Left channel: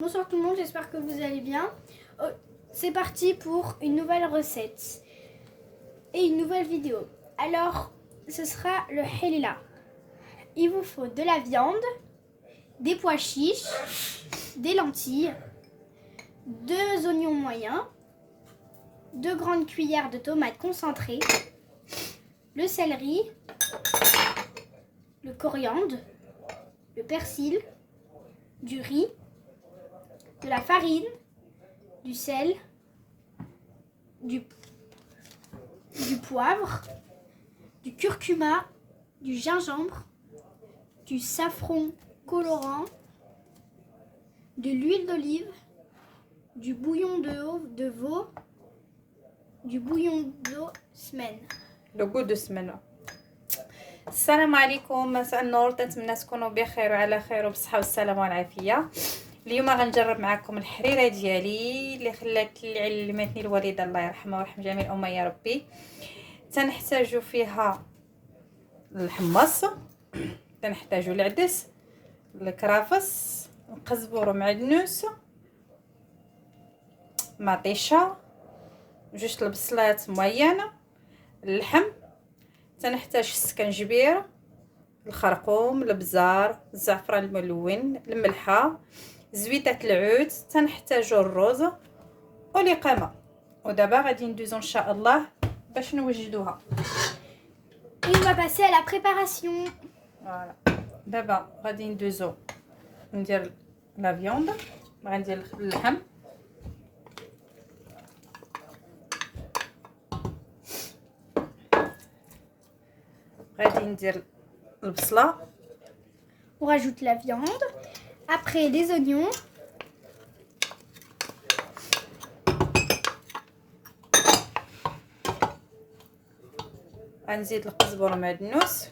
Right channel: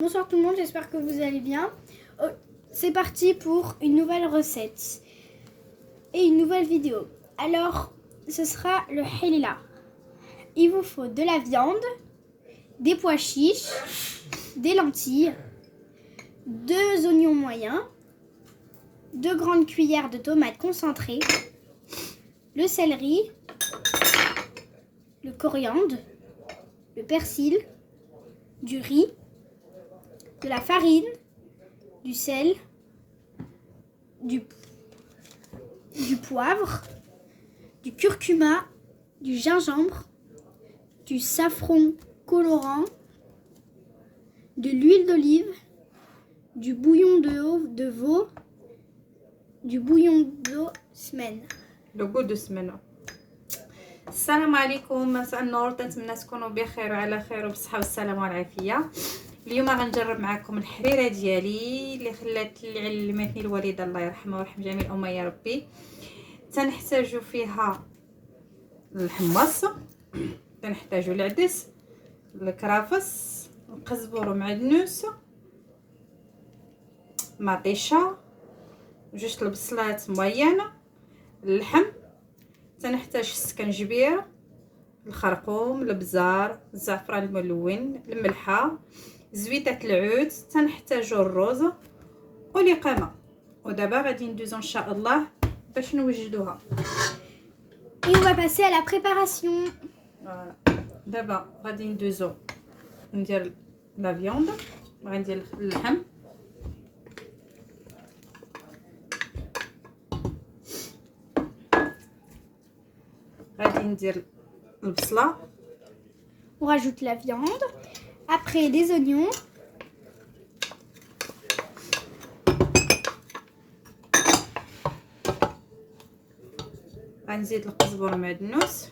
Bonsoir tout le monde, j'espère que vous allez bien. C'est parti pour une nouvelle recette et une nouvelle vidéo. Alors, ce sera le halila. Il vous faut de la viande, des pois chiches, des lentilles, 2 oignons moyens, 2 grandes cuillères de tomates concentrées, le céleri, le coriandre, le persil, du riz, de la farine, du sel, du poivre, du curcuma, du gingembre, du safran colorant, de l'huile d'olive, du bouillon de veau, du bouillon d'eau semaine. لو جود سمنه. السلام عليكم، مساء النور، نتمنى تكونوا بخير وعلى خير وبصحه والسلامه والعافيه. اليوم غنجرب معكم الحريره ديالي اللي خلات اللي علمتني الوالده الله يرحمها ويرحم جميع الامه يا ربي. تنحتاجوا فيها الحمص، تنحتاجوا العدس، الكرافس، القزبر ومعدنوس، مطيشه، جوج البصلات موينه، اللحم، تنحتاج السكنجبير، الخرقوم، البزار، الزعفران الملون، الملحه، زويته العود، تنحتاجو الرز والقامه. ودابا غادي ندوزو ان شاء الله باش نوجدوها. Et on va passer à la préparation. فوالا دابا غادي ندوزو ندير لا فيوند، غندير اللحم، غادي ندير البصله، On rajoute la viande, après les oignons, غنزيد القزبر ومعدنوس،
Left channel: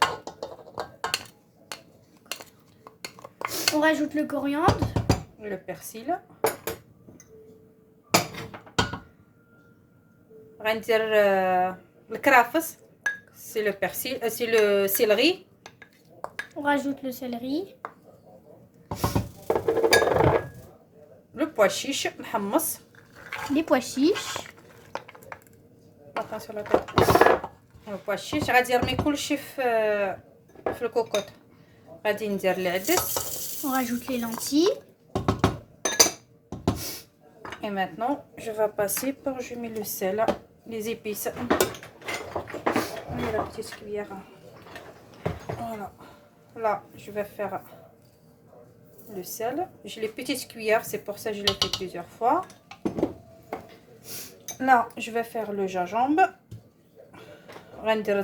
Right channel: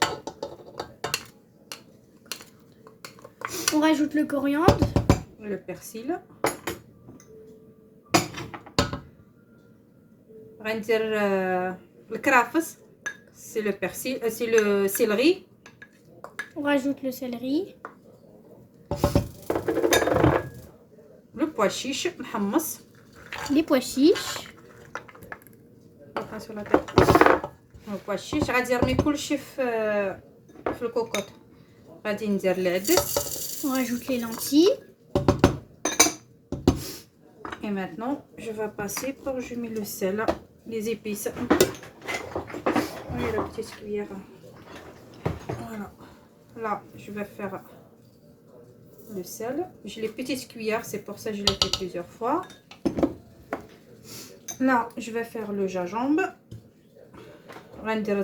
on rajoute le coriandre, لو بيرسيل، غندير الكرافس، سي لو بيرسيل، سي لو سيلري، on rajoute le céleri, لو بوا شيش محمص، les pois chiches, لو بوا شيش. غادي نرمي كلشي في الكوكوط. غادي ندير العدس. on rajoute les lentilles, Et maintenant, je vais passer pour je mets le sel, les épices. La petite cuillère. Voilà. Là, je vais faire le sel. J'ai les petites cuillères, c'est pour ça que je l'ai fait plusieurs fois. Là, je vais faire le gingembre. غندير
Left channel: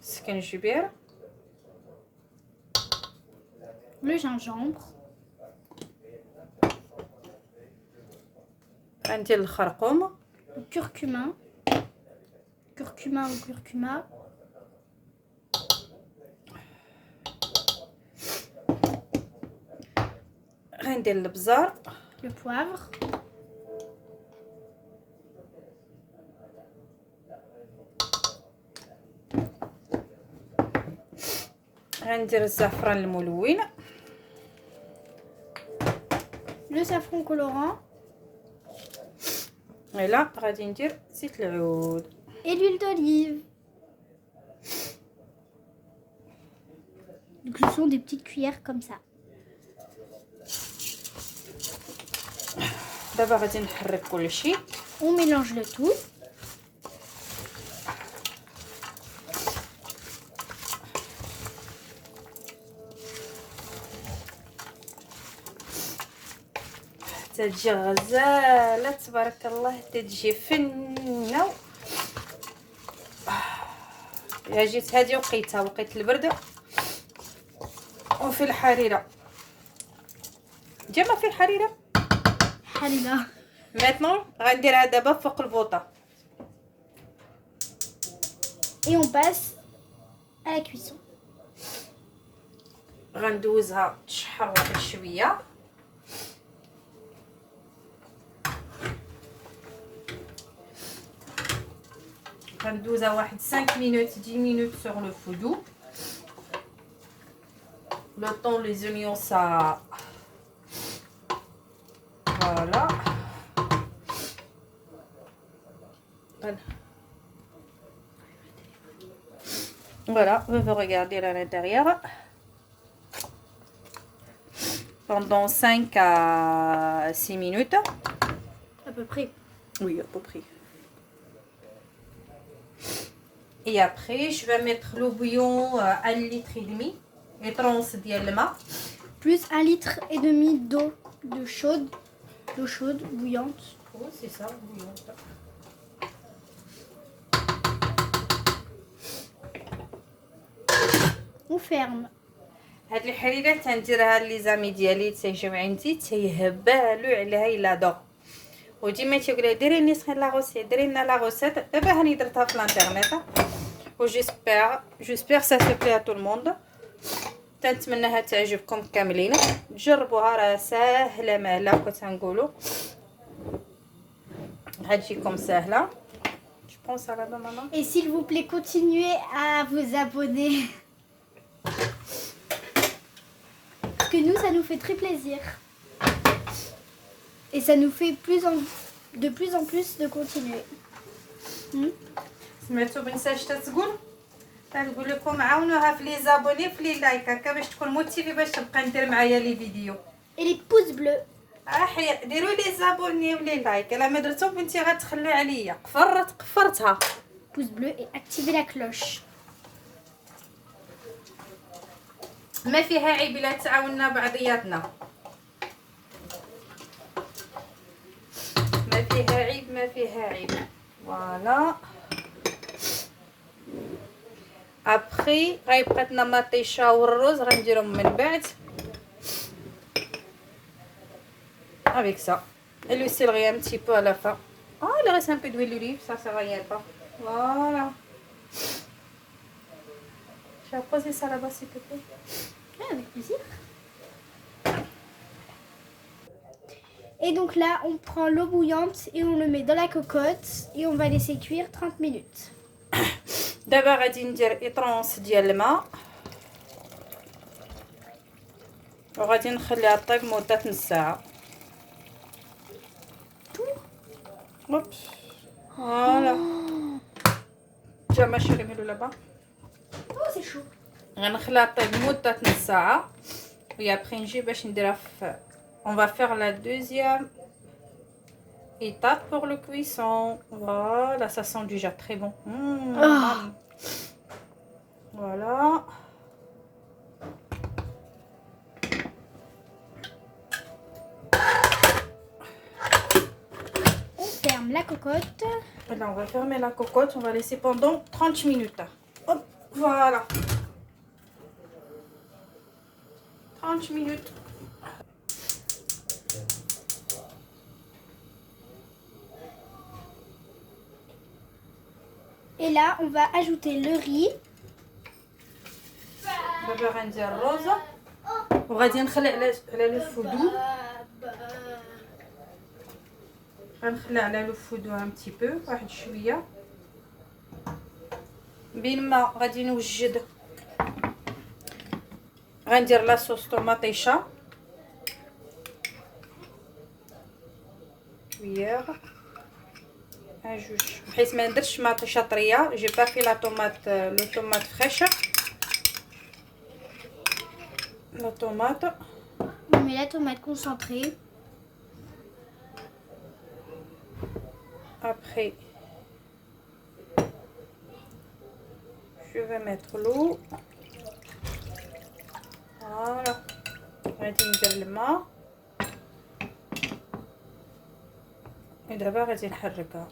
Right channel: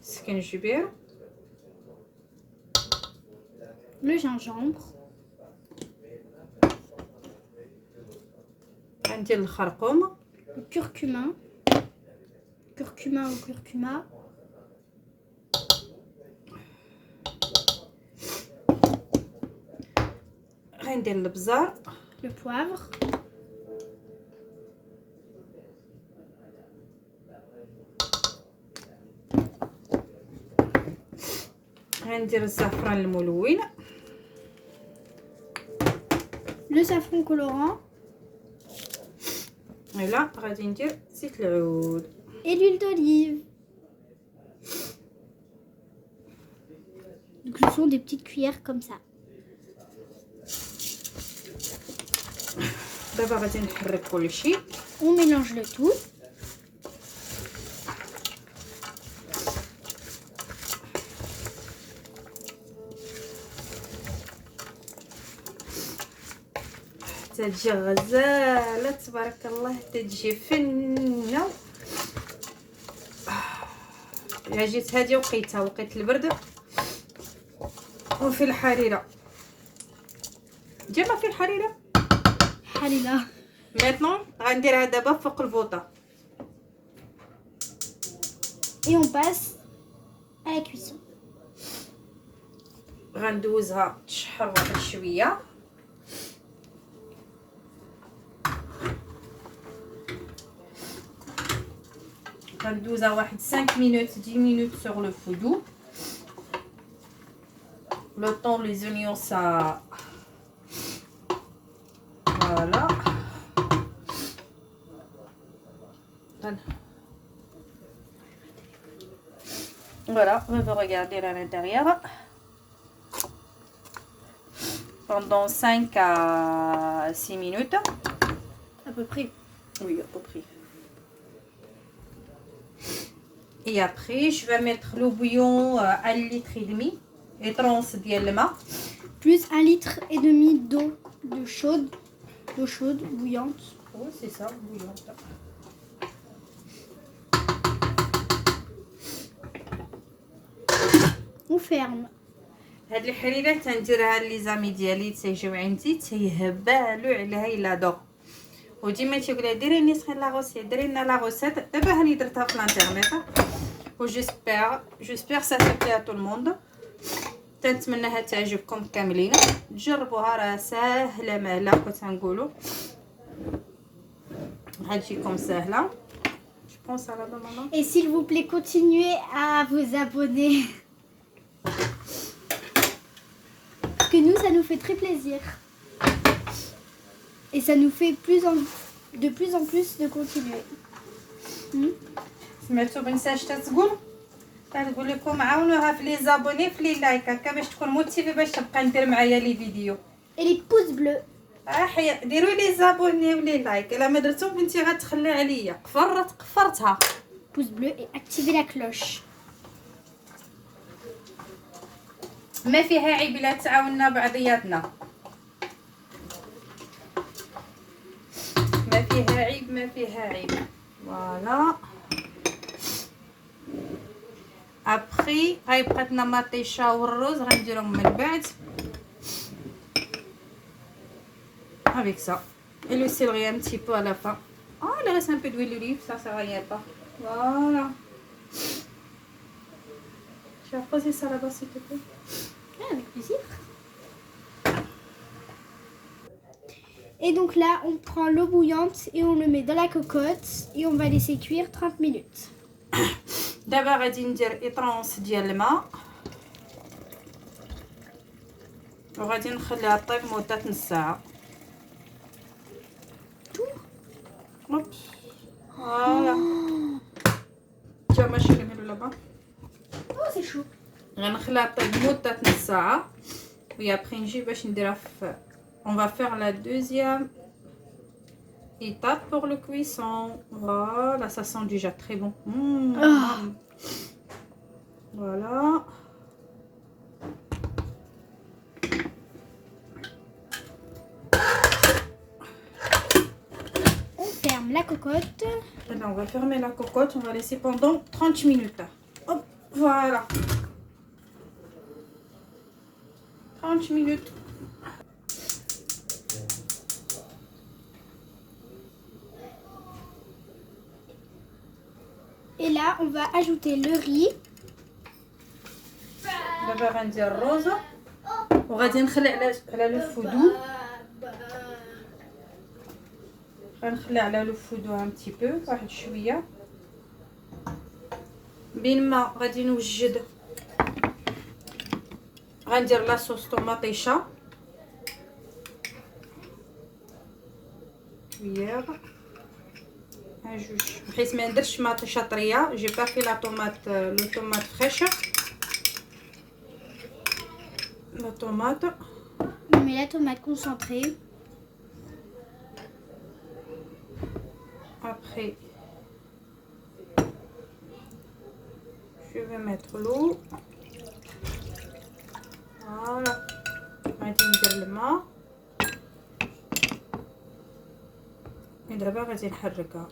السكنجبير، le gingembre, غندير الخرقوم، le curcuma ou curcuma, غندير البزار، le poivre, غندير الزعفران الملون، le safran colorant ولا غادي ندير زيت العود et l'huile d'olive. Donc ce sont des petites cuillères comme ça. دابا غادي نحرك كلشي. On mélange le tout. تجي غزاله تبارك الله، تجي فنه. يا جيت هذه وقيت البرد وفي الحريره. جيما في الحريره. Halila. ميتنون غنديرها دابا فوق البوطه. Et on passe à la cuisson. غندوزها تشحر واحد شويه. غندوزها واحد 5 minutes 10 minutes sur le feu doux. Le temps les oignons ça Voilà, on va regarder à l'intérieur pendant 5 à 6 minutes. À peu près. Oui, à peu près. Et après, je vais mettre l'eau bouillon à 1 litre et demi et 30 ديال الماء. Plus 1,5 litre d'eau d'eau chaude, bouillante. Oui, c'est ça, bouillon. On ferme. هاد الحريره تنديرها لي زامي ديالي تيجيو عندي تيهبالو عليها الا دو وديما تيقولوا ديري لي سخين لا غوسيت ديري لنا لا غوسيت دابا هاني درتها في الانترنيت و جيسبر سا سو بلي ا تو الموند تنتمنىها تعجبكم كاملين تجربوها راه ساهله مالا كتنقولوا غتجيكم ساهله je pense à la maman. Et s'il vous plaît, continuez à vous abonner. Parce que nous, ça nous fait très plaisir. Et ça nous fait de plus en plus de continuer. سمعتوا بنساش تتقول تنقول لكم عاونوها في لي زابوني في لي لايك هكا باش تكون موتيفي باش تبقى ندير معايا لي فيديو. Et les pouces bleus. حيا ديروا لي زابوني ولي لايك الا ما درتو بنتي غتخلي عليا قفرتها. Pouce bleu et activez la cloche. ما فيها عيب الا تعاوننا بعضياتنا. ما فيها عيب. فوالا. ابخي غيبقى لنا مطيشه والرز غنديرهم من بعد. avec ça et le céleri un petit peu à la fin. Oh, il reste un peu d'huile d'olive, ça sert à rien pas. Voilà. Je vais poser ça là-bas s'il te plaît. Ah, avec plaisir. Et donc là, on prend l'eau bouillante et on le met dans la cocotte et on va laisser cuire 30 minutes. دابا غادي ندير اطرونس ديال الماء وغادي نخليها طيب مده نص ساعه. اوبس فوالا جا ماشي نقولوا لابا. Oh, c'est chaud. غنخليها طيب مده نص ساعه وي ابري نجي باش نديرها في on va faire la deuxième étape pour le cuisson. Voilà, ça sent déjà très bon. Voilà. On ferme la cocotte. Et là, on va fermer la cocotte, on va laisser pendant 30 minutes. Hop, voilà. 30 minutes. Et là, on va ajouter le riz. دابا غندير الرز وغادي نخلي على لو فودو. غنخلي على لو فودو ان تي بو واحد شويه بين ما غادي نوجد. غندير لاصوص طوماطيشه كويير un جوج بحيث ما نديرش مطيشه طريه. جي با في لا طوماط لو طوماط فريش la tomate. On met la tomate concentrée. Après, je vais mettre l'eau. Voilà. غادي ندير الماء. ودابا غادي نحركها.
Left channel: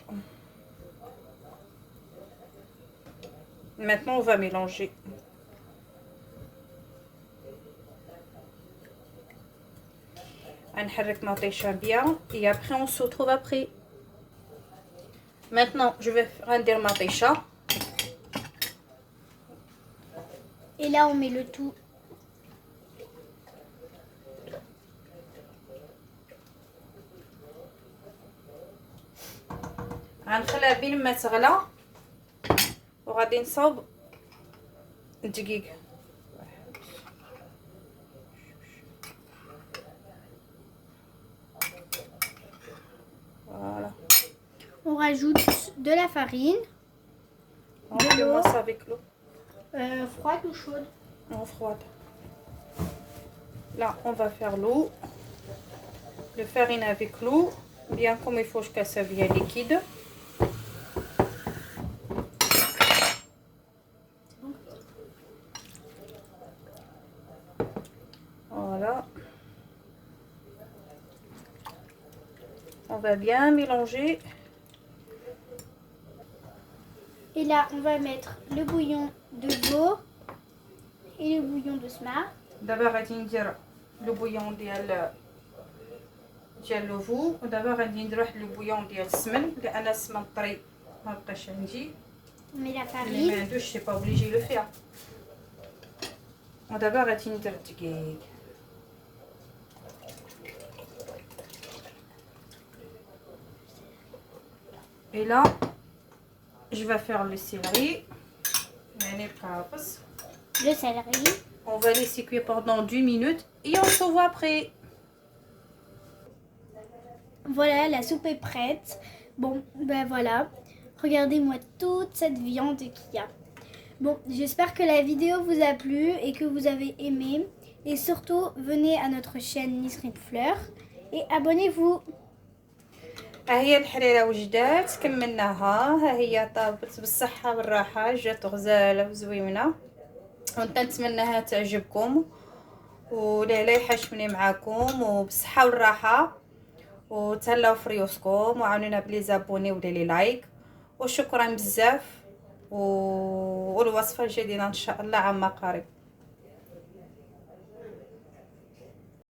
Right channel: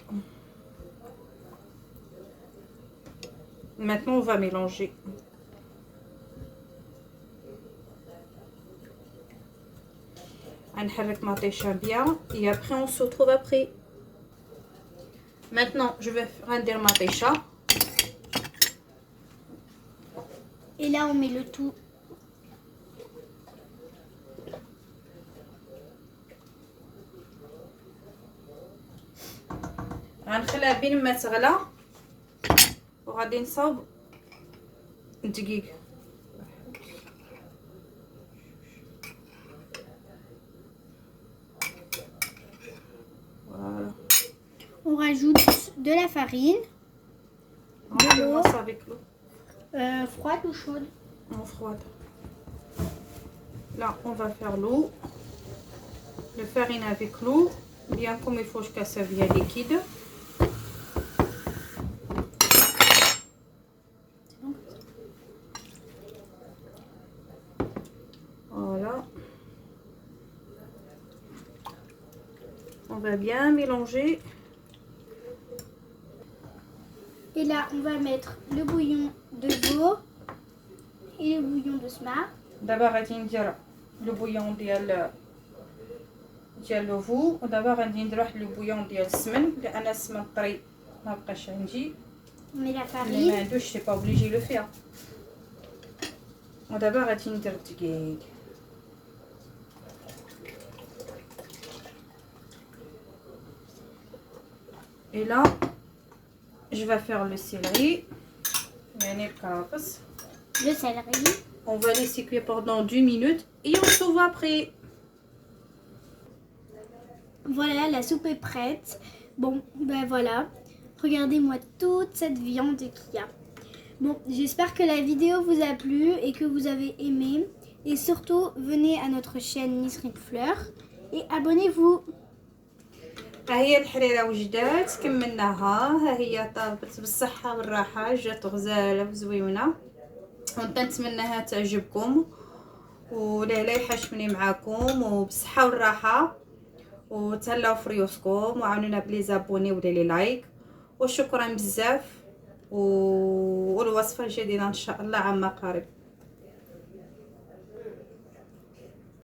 Maintenant, on va mélanger. نحرك مطيشه bien et après on se retrouve après. Maintenant je vais غندير مطيشه Et là, on met le tout. غنخليها بين ما تغلى وغادي نصاوب الدقيق. On rajoute de la farine, On commence avec l'eau. Froide ou chaude? Non, froide. Là, on va faire l'eau. Le farine avec l'eau. Bien comme il faut que ça vienne liquide. Voilà. On va bien mélanger. Et là, on va mettre le bouillon de veau et le bouillon de smart. دابا غادي ندير لو بويون ديال لو فو، ودابا غادي ندير واحد لو بويون ديال السمن لان السمن طري ما بقاش عندي. On met la اللي ما farine. عندوش سي با اوبليجي لو فيها. ودابا غادي ندير الدقيق. Et là, je vais faire le céleri. Le céleri. On va laisser cuire pendant 2 minutes et on se voit après. Voilà, la soupe est prête. Bon, ben voilà. Regardez-moi toute cette viande qu'il y a. Bon, j'espère que la vidéo vous a plu et que vous avez aimé. Et surtout, venez à notre chaîne Nisrine Fleur et abonnez-vous. ها هي الحريره وجدات كملناها. ها هي طابت بالصحه والراحه، جات غزاله وزوينه، ونتمنىها تعجبكم ولا يحشمني معاكم وبالصحه والراحه، وتهلاو في ريوسكم وعاونونا بلي زابوني ولا لي لايك، وشكرا بزاف. والوصفه الجديده ان شاء الله عما قريب.